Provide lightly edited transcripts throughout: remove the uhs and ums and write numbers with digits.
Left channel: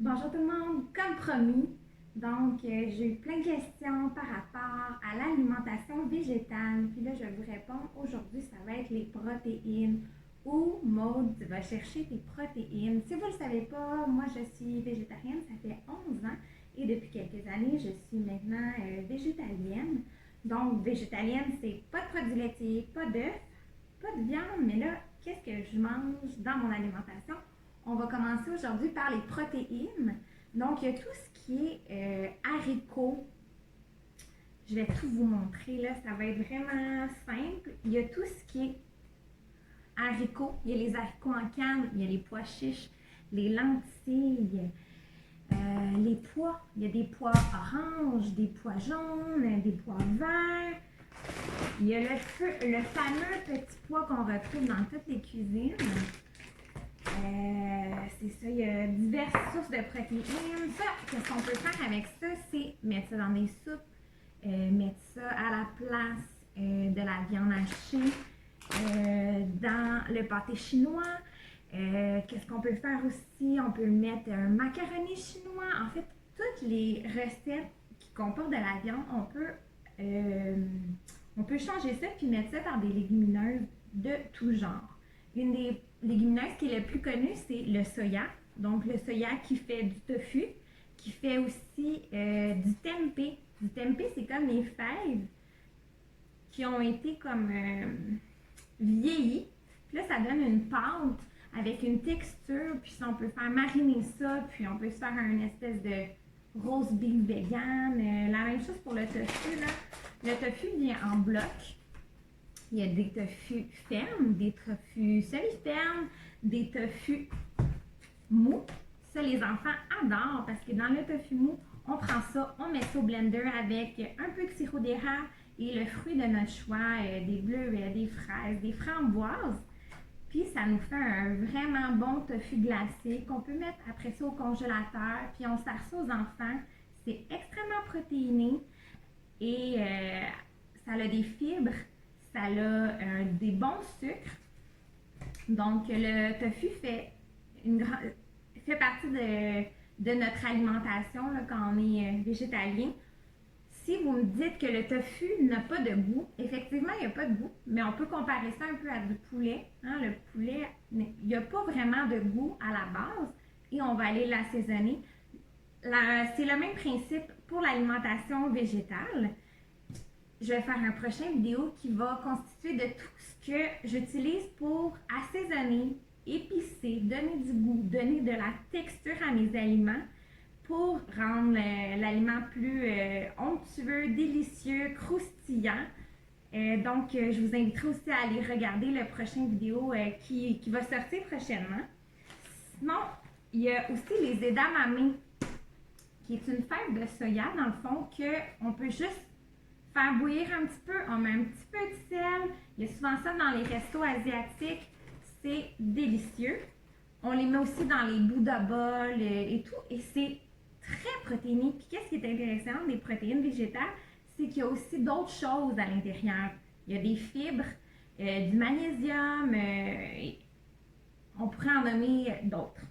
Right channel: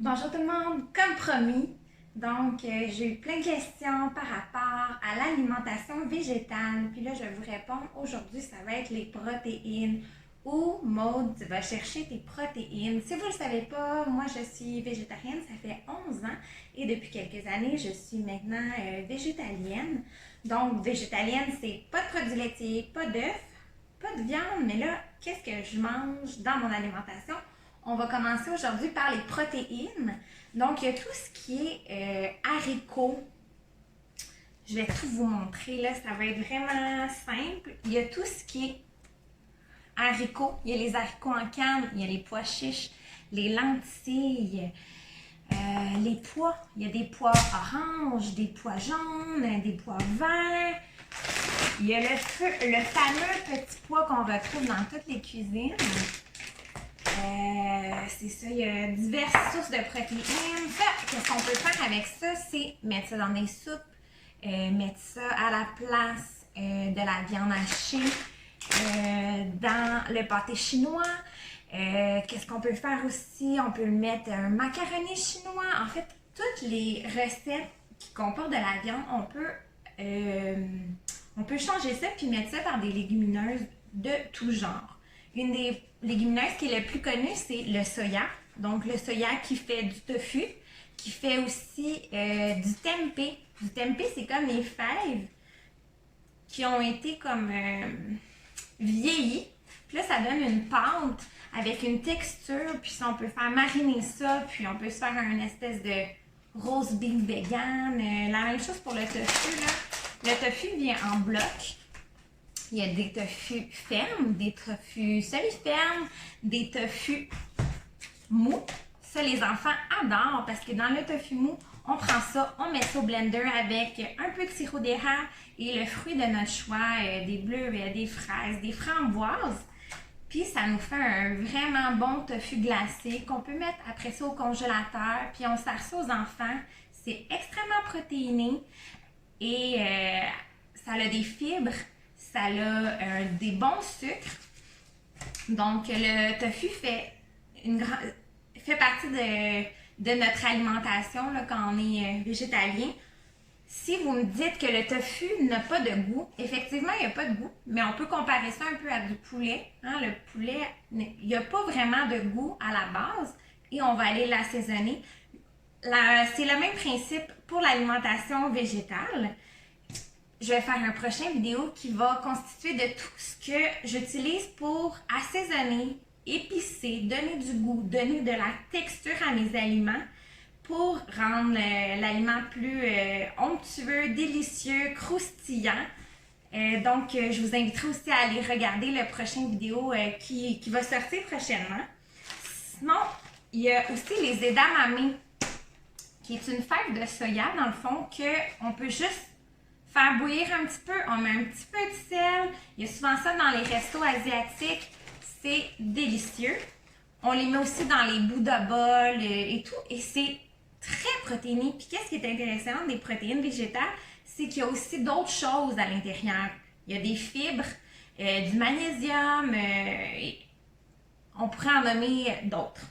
Bonjour tout le monde, comme promis, j'ai eu plein de questions par rapport à l'alimentation végétale. Puis là, je vais vous répondre aujourd'hui, ça va être les protéines. Où Maude va chercher tes protéines. Si vous ne le savez pas, moi je suis végétarienne, ça fait 11 ans et depuis quelques années, je suis maintenant végétalienne. Donc, végétalienne, c'est pas de produits laitiers, pas d'œufs, pas de viande, mais là, qu'est-ce que je mange dans mon alimentation? On va commencer aujourd'hui par les protéines. Donc, il y a tout ce qui est haricots. Je vais tout vous montrer, là, ça va être vraiment simple. Il y a tout ce qui est haricots. Il y a les haricots en canne, il y a les pois chiches, les lentilles, les pois. Il y a des pois oranges, des pois jaunes, des pois verts. Il y a le fameux petit pois qu'on retrouve dans toutes les cuisines. C'est ça, il y a diverses sources de protéines. Ça, qu'est-ce qu'on peut faire avec ça? C'est mettre ça dans des soupes, mettre ça à la place de la viande hachée, dans le pâté chinois. Qu'est-ce qu'on peut faire aussi? On peut mettre un macaroni chinois. En fait, toutes les recettes qui comportent de la viande, on peut changer ça puis mettre ça par des légumineuses de tout genre. Une des légumineuses qui est le plus connue, c'est le soya. Donc, le soya qui fait du tofu, qui fait aussi du tempeh. Du tempeh, c'est comme les fèves qui ont été comme vieillies. Puis là, ça donne une pâte avec une texture. Puis ça, on peut faire mariner ça. Puis on peut se faire une espèce de roast beef vegan. La même chose pour le tofu, là. Le tofu vient en bloc. Il y a des tofus fermes, des tofus semi-fermes, des tofus mous. Ça, les enfants adorent parce que dans le tofu mou, on prend ça, on met ça au blender avec un peu de sirop d'érable et le fruit de notre choix, des bleuets, des fraises, des framboises. Puis ça nous fait un vraiment bon tofu glacé qu'on peut mettre après ça au congélateur. Puis on sert ça aux enfants. C'est extrêmement protéiné et ça a des fibres. Ça a des bons sucres. Donc, le tofu fait partie de notre alimentation là, quand on est végétalien. Si vous me dites que le tofu n'a pas de goût, effectivement, il n'y a pas de goût, mais on peut comparer ça un peu à du poulet. Hein? Le poulet, il n'y a pas vraiment de goût à la base et on va aller l'assaisonner. C'est le même principe pour l'alimentation végétale. Je vais faire un prochain vidéo qui va constituer de tout ce que j'utilise pour assaisonner, épicer, donner du goût, donner de la texture à mes aliments pour rendre l'aliment plus onctueux, délicieux, croustillant. Je vous inviterai aussi à aller regarder le prochain vidéo qui va sortir prochainement. Sinon, il y a aussi les edamame, qui est une fève de soya, dans le fond, qu'on peut juste faire bouillir un petit peu, on met un petit peu de sel. Il y a souvent ça dans les restos asiatiques. C'est délicieux. On les met aussi dans les bouts de bol et tout. Et c'est très protéiné. Puis qu'est-ce qui est intéressant des protéines végétales, c'est qu'il y a aussi d'autres choses à l'intérieur. Il y a des fibres, du magnésium. On pourrait en nommer d'autres.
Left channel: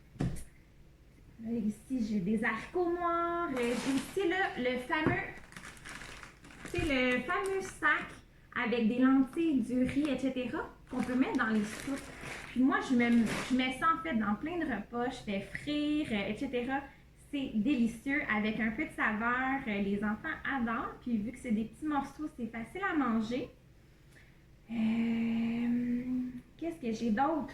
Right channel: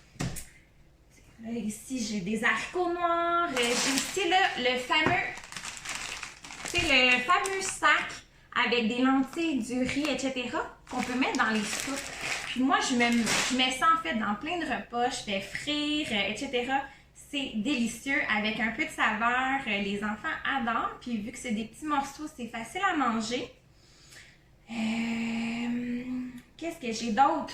Là, ici, j'ai des haricots noirs. J'ai aussi là, le fameux sac avec des lentilles, du riz, etc. qu'on peut mettre dans les soupes. Puis moi, je mets ça en fait dans plein de repas. Je fais frire, etc. C'est délicieux avec un peu de saveur. Les enfants adorent. Puis vu que c'est des petits morceaux, c'est facile à manger. Qu'est-ce que j'ai d'autre?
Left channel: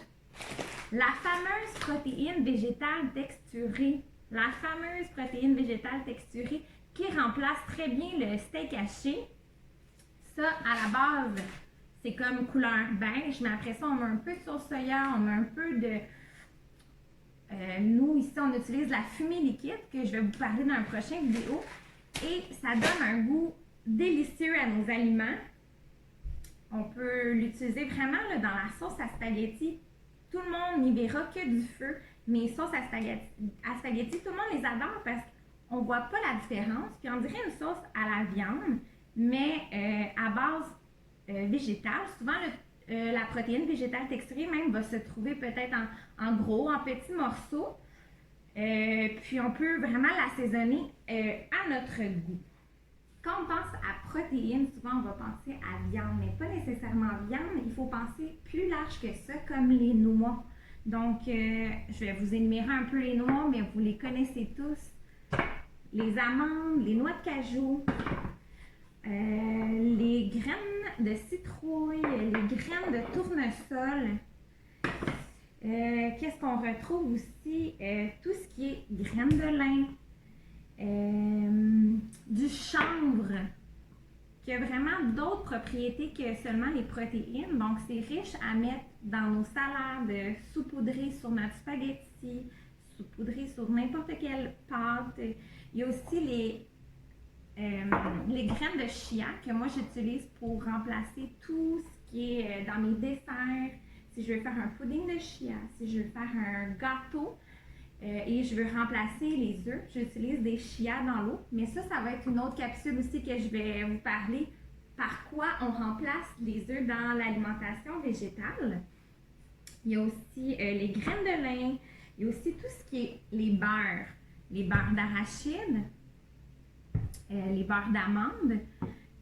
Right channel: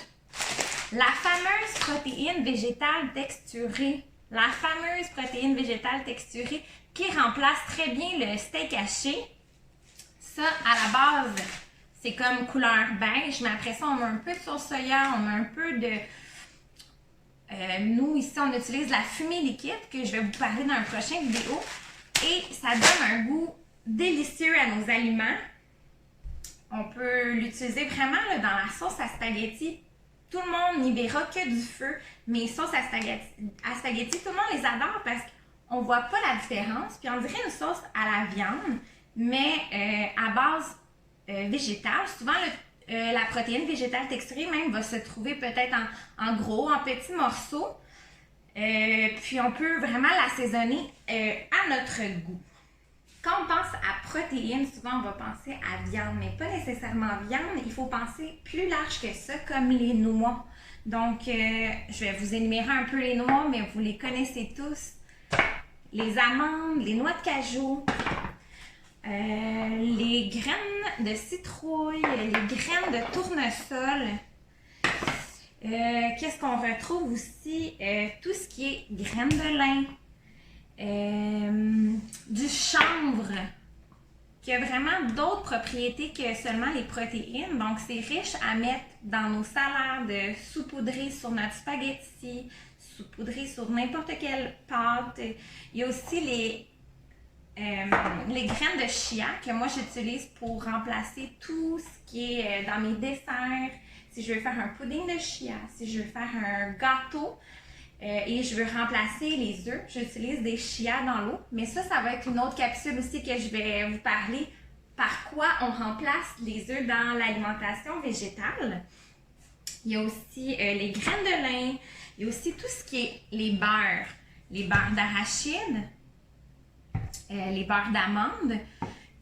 La fameuse protéine végétale texturée. La fameuse protéine végétale texturée qui remplace très bien le steak haché. Ça, à la base, c'est comme couleur beige, mais après ça, on met un peu de sauce soya, on met un peu de... nous, ici, on utilise la fumée liquide, que je vais vous parler dans une prochaine vidéo. Et ça donne un goût délicieux à nos aliments. On peut l'utiliser vraiment là, dans la sauce à spaghetti. Tout le monde n'y verra que du feu, mais sauces à spaghetti, tout le monde les adore parce qu'on ne voit pas la différence. Puis on dirait une sauce à la viande, mais à base végétale. Souvent, la protéine végétale texturée même va se trouver peut-être en gros, en petits morceaux. Puis on peut vraiment l'assaisonner à notre goût. Quand on pense à protéines, souvent on va penser à viande, mais pas nécessairement viande. Il faut penser plus large que ça, comme les noix. Donc, je vais vous énumérer un peu les noix, mais vous les connaissez tous. Les amandes, les noix de cajou, les graines de citrouille, les graines de tournesol. Qu'est-ce qu'on retrouve aussi? Tout ce qui est graines de lin, du chanvre, qui a vraiment d'autres propriétés que seulement les protéines. Donc, c'est riche à mettre dans nos salades, saupoudrer sur notre spaghetti, saupoudrer sur n'importe quelle pâte. Il y a aussi les graines de chia que moi j'utilise pour remplacer tout ce qui est dans mes desserts. Si je veux faire un pudding de chia, si je veux faire un gâteau et je veux remplacer les œufs, j'utilise des chia dans l'eau. Mais ça va être une autre capsule aussi que je vais vous parler. Par quoi on remplace les œufs dans l'alimentation végétale. Il y a aussi les graines de lin. Il y a aussi tout ce qui est les beurres d'arachide, les beurres d'amande,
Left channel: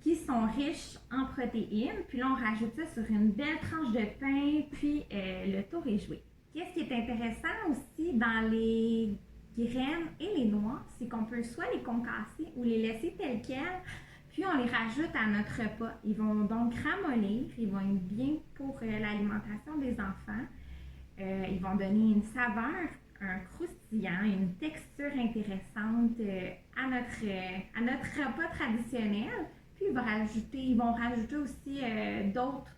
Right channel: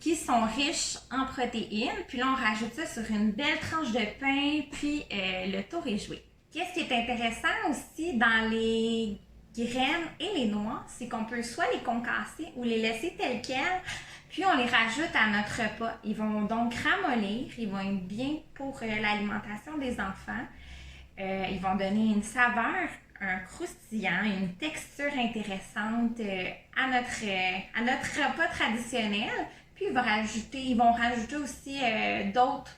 qui sont riches en protéines. Puis là, on rajoute ça sur une belle tranche de pain, puis le tour est joué. Qu'est-ce qui est intéressant aussi dans les graines et les noix, c'est qu'on peut soit les concasser ou les laisser telles quelles, puis on les rajoute à notre repas. Ils vont donc ramollir, ils vont être bien pour l'alimentation des enfants. Ils vont donner une saveur, un croustillant, une texture intéressante à notre repas traditionnel. Puis ils vont rajouter aussi d'autres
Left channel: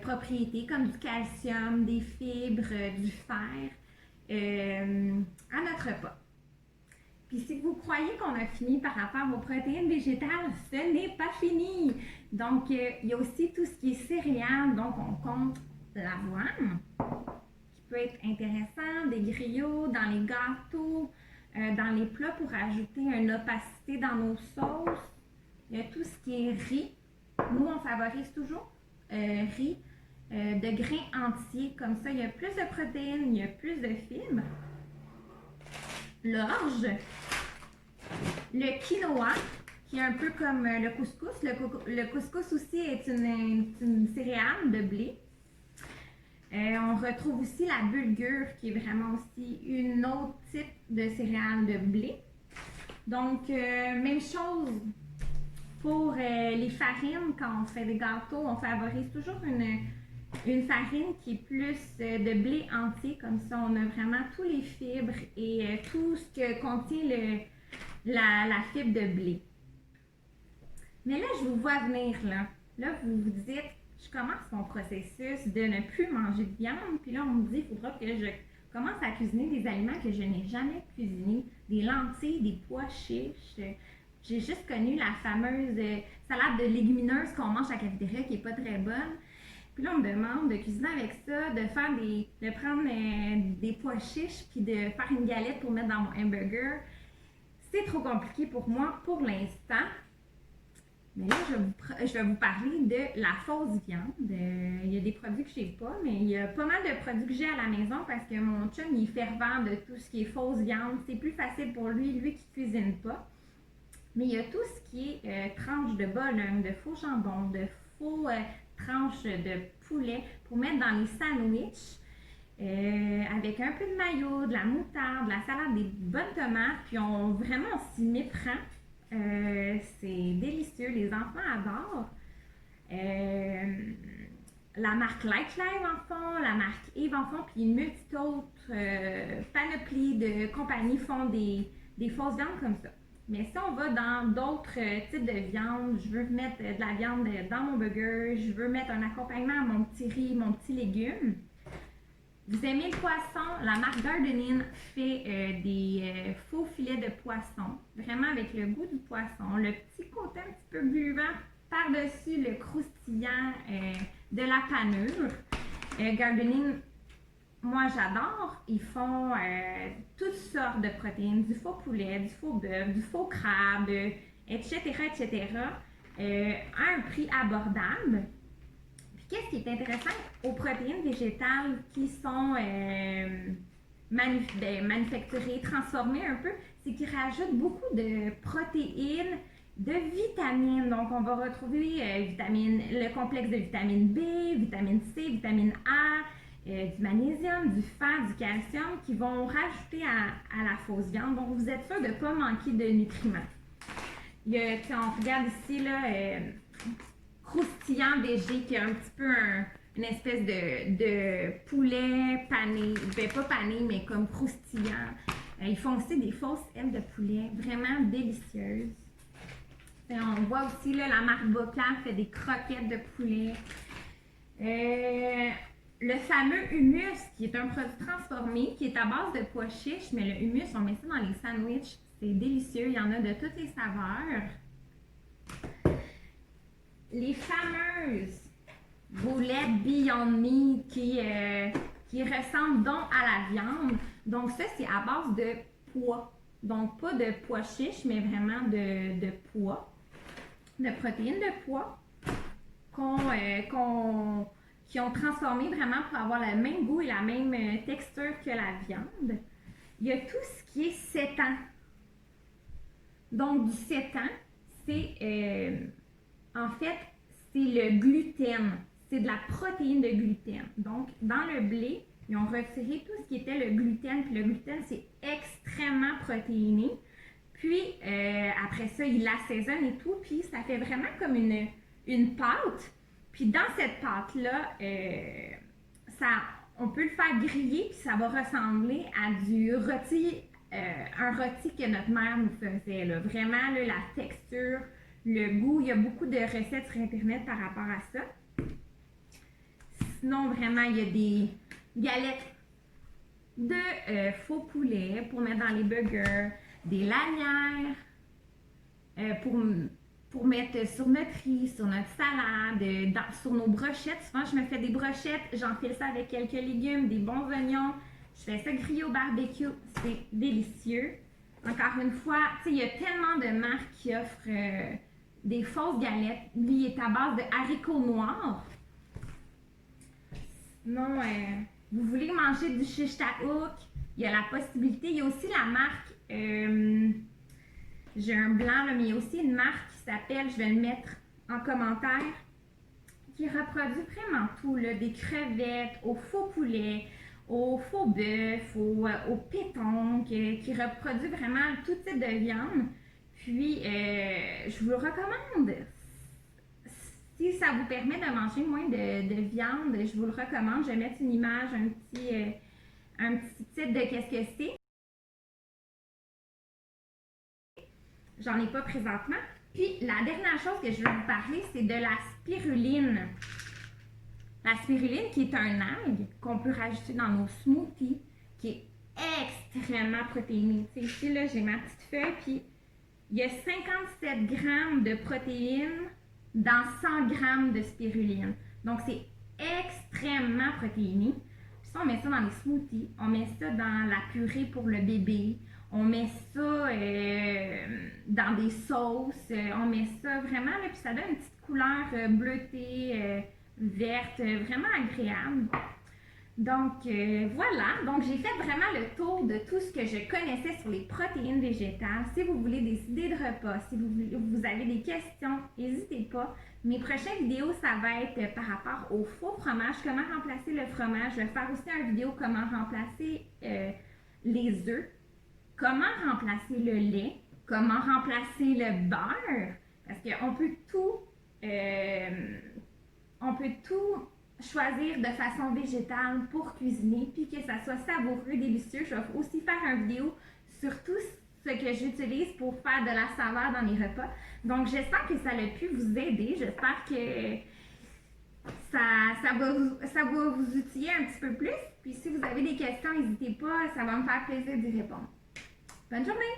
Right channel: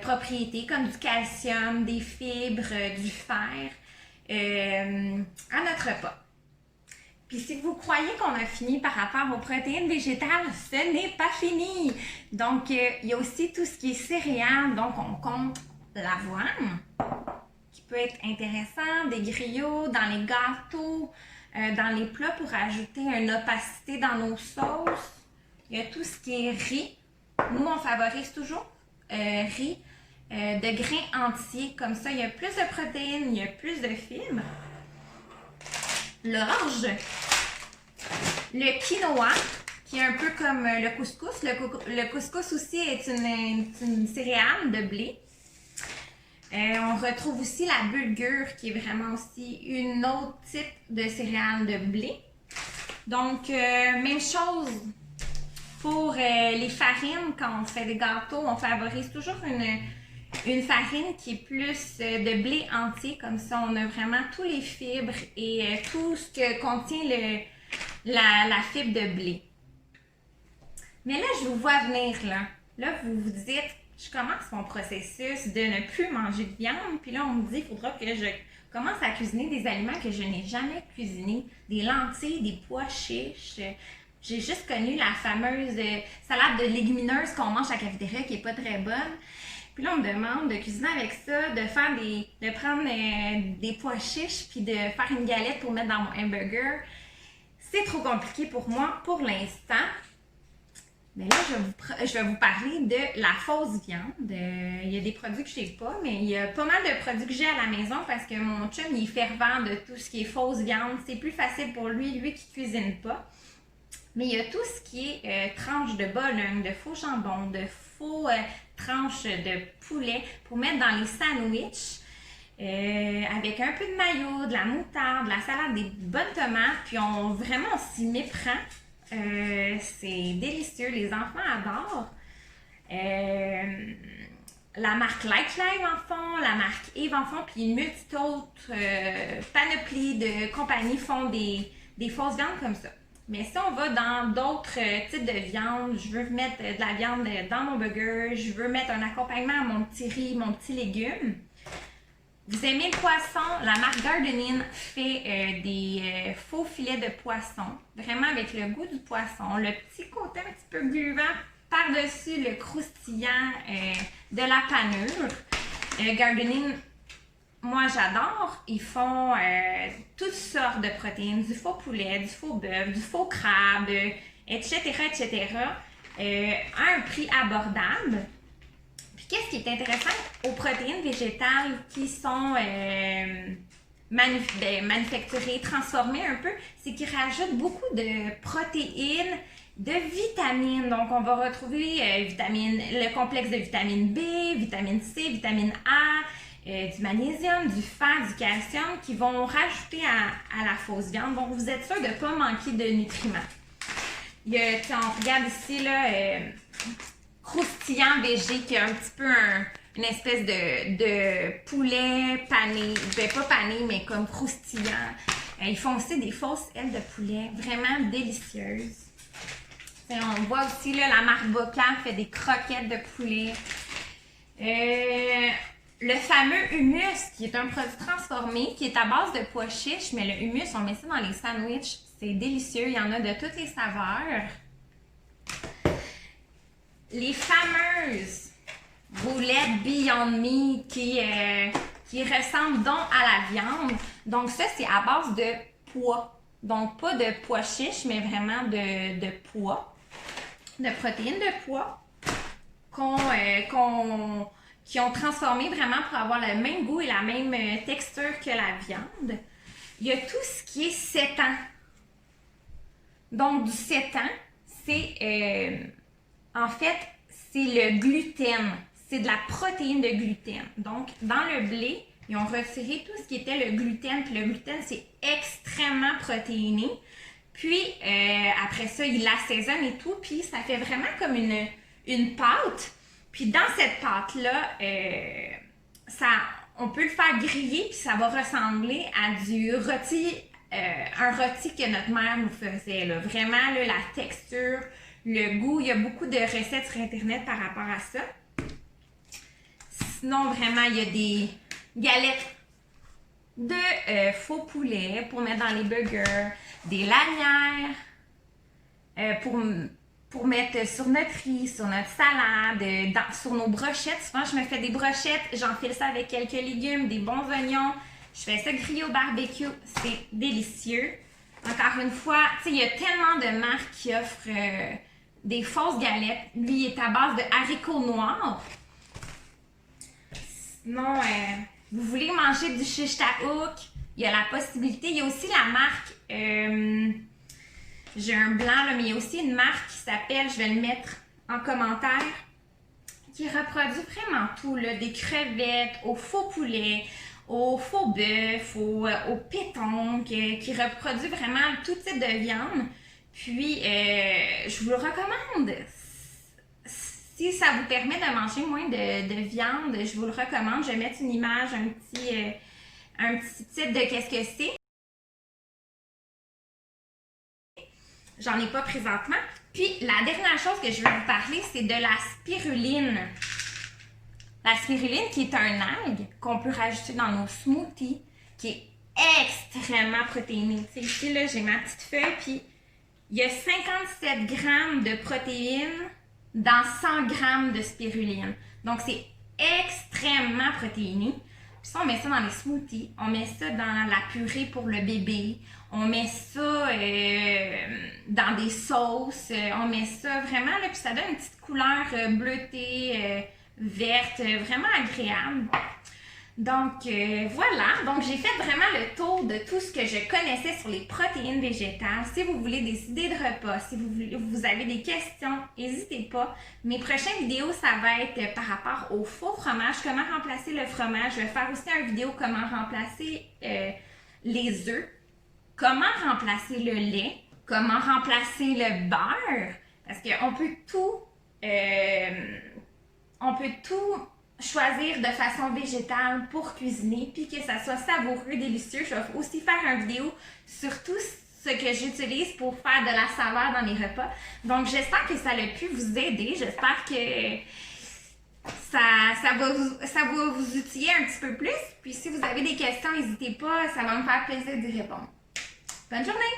propriétés comme du calcium, des fibres, du fer à notre repas. Puis si vous croyez qu'on a fini par rapport aux protéines végétales, ce n'est pas fini. Donc, il y a aussi tout ce qui est céréales. Donc, on compte l'avoine, qui peut être intéressant, des griots, dans les gâteaux, dans les plats pour ajouter une opacité dans nos sauces. Il y a tout ce qui est riz. Nous, on favorise toujours riz de grains entiers. Comme ça, il y a plus de protéines, il y a plus de fibres. L'orge, le quinoa, qui est un peu comme le couscous. Le couscous aussi est une céréale de blé. On retrouve aussi la bulgur, qui est vraiment aussi une autre type de céréale de blé. Donc, même chose pour les farines. Quand on fait des gâteaux, on favorise toujours une farine qui est plus de blé entier. Comme ça, on a vraiment tous les fibres et tout ce que contient la fibre de blé. Mais là, je vous vois venir là. Là, vous vous dites, je commence mon processus de ne plus manger de viande. Puis là, on me dit, il faudra que je commence à cuisiner des aliments que je n'ai jamais cuisinés. Des lentilles, des pois chiches. J'ai juste connu la fameuse salade de légumineuses qu'on mange à la cafétéria qui n'est pas très bonne. Puis là, on me demande de cuisiner avec ça, de prendre des pois chiches puis de faire une galette pour mettre dans mon hamburger. C'est trop compliqué pour moi pour l'instant. Mais là, je vais vous parler de la fausse viande. Il y a des produits que je n'ai pas, mais il y a pas mal de produits que j'ai à la maison parce que mon chum, il est fervent de tout ce qui est fausse viande. C'est plus facile pour lui qui cuisine pas. Mais il y a tout ce qui est tranches de bologne, de faux jambon, de faux tranches de poulet pour mettre dans les sandwichs avec un peu de mayo, de la moutarde, de la salade, des bonnes tomates. Puis on s'y méprend. C'est délicieux, les enfants adorent. La marque Like Live en font, la marque Eve en font, puis une multitude d'autres panoplies de compagnies font des fausses viandes comme ça. Mais si on va dans d'autres types de viande, je veux mettre de la viande dans mon burger, je veux mettre un accompagnement à mon petit riz, mon petit légume. Vous aimez le poisson? La marque Gardenin fait des faux filets de poisson, vraiment avec le goût du poisson, le petit côté un petit peu gluant par-dessus le croustillant de la panure. Gardenin, moi j'adore. Ils font toutes sortes de protéines, du faux poulet, du faux bœuf, du faux crabe, etc., etc. À un prix abordable. Qu'est-ce qui est intéressant aux protéines végétales qui sont manufacturés, transformés un peu, c'est qu'ils rajoutent beaucoup de protéines, de vitamines. Donc, on va retrouver le complexe de vitamine B, vitamine C, vitamine A, du magnésium, du fer, du calcium qui vont rajouter à la fausse viande. Donc, vous êtes sûr de ne pas manquer de nutriments. On regarde ici, là, croustillant végé, qui est un petit peu une espèce de poulet pané, pas pané, mais comme croustillant. Ils font aussi des fausses ailes de poulet, vraiment délicieuses. On voit aussi, là, la marque Boca fait des croquettes de poulet. Le fameux hummus, qui est un produit transformé, qui est à base de pois chiches, mais le hummus, on met ça dans les sandwichs. C'est délicieux, il y en a de toutes les saveurs. Les fameuses boulettes Beyond Meat qui ressemblent donc à la viande. Donc ça, c'est à base de pois. Donc pas de pois chiches, mais vraiment de pois, de protéines de pois qui ont transformé vraiment pour avoir le même goût et la même texture que la viande. Il y a tout ce qui est sétan. Donc, du sétan, c'est en fait, c'est le gluten. C'est de la protéine de gluten. Donc, dans le blé, ils ont retiré tout ce qui était le gluten. Puis le gluten, c'est extrêmement protéiné. Puis, après ça, ils l'assaisonnent et tout. Puis, ça fait vraiment comme une pâte. Puis, dans cette pâte-là, on peut le faire griller. Puis, ça va ressembler à du rôti. Un rôti que notre mère nous faisait. Là. Vraiment, là, la texture, le goût. Il y a beaucoup de recettes sur Internet par rapport à ça. Sinon, vraiment, il y a des galettes de faux poulet pour mettre dans les burgers, des lanières pour mettre sur notre riz, sur notre salade, sur nos brochettes. Souvent, je me fais des brochettes, j'enfile ça avec quelques légumes, des bons oignons. Je fais ça griller au barbecue, c'est délicieux. Encore une fois, tu sais, il y a tellement de marques qui offrent des fausses galettes. Lui, il est à base de haricots noirs. Sinon, vous voulez manger du shish taouk, il y a la possibilité. Il y a aussi la marque, j'ai un blanc, là, mais il y a aussi une marque qui s'appelle, je vais le mettre en commentaire, qui reproduit vraiment tout, là, des crevettes, au faux poulet, au faux bœuf, au pétanque, qui reproduit vraiment tout type de viande. Puis, je vous le recommande. Si ça vous permet de manger moins de viande, je vous le recommande. Je vais mettre une image, un petit titre de qu'est-ce que c'est. J'en ai pas présentement. Puis, la dernière chose que je veux vous parler, c'est de la spiruline. La spiruline, qui est un algue qu'on peut rajouter dans nos smoothies, qui est extrêmement protéinée. Tu sais, ici, là, j'ai ma petite feuille, puis il y a 57 grammes de protéines dans 100 grammes de spiruline. Donc, c'est extrêmement protéiné. Puis ça, on met ça dans les smoothies, on met ça dans la purée pour le bébé, on met ça dans des sauces, on met ça vraiment, là, puis ça donne une petite couleur bleutée, verte, vraiment agréable. Donc, voilà. Donc, j'ai fait vraiment le tour de tout ce que je connaissais sur les protéines végétales. Si vous voulez des idées de repas, si vous avez des questions, n'hésitez pas. Mes prochaines vidéos, ça va être par rapport au faux fromage, comment remplacer le fromage. Je vais faire aussi une vidéo comment remplacer les œufs, comment remplacer le lait, comment remplacer le beurre. Parce qu'on peut tout choisir de façon végétale pour cuisiner puis que ça soit savoureux, délicieux. Je vais aussi faire une vidéo sur tout ce que j'utilise pour faire de la saveur dans mes repas. Donc, j'espère que ça a pu vous aider. J'espère que ça va vous outiller un petit peu plus. Puis, si vous avez des questions, n'hésitez pas. Ça va me faire plaisir d'y répondre. Bonne journée!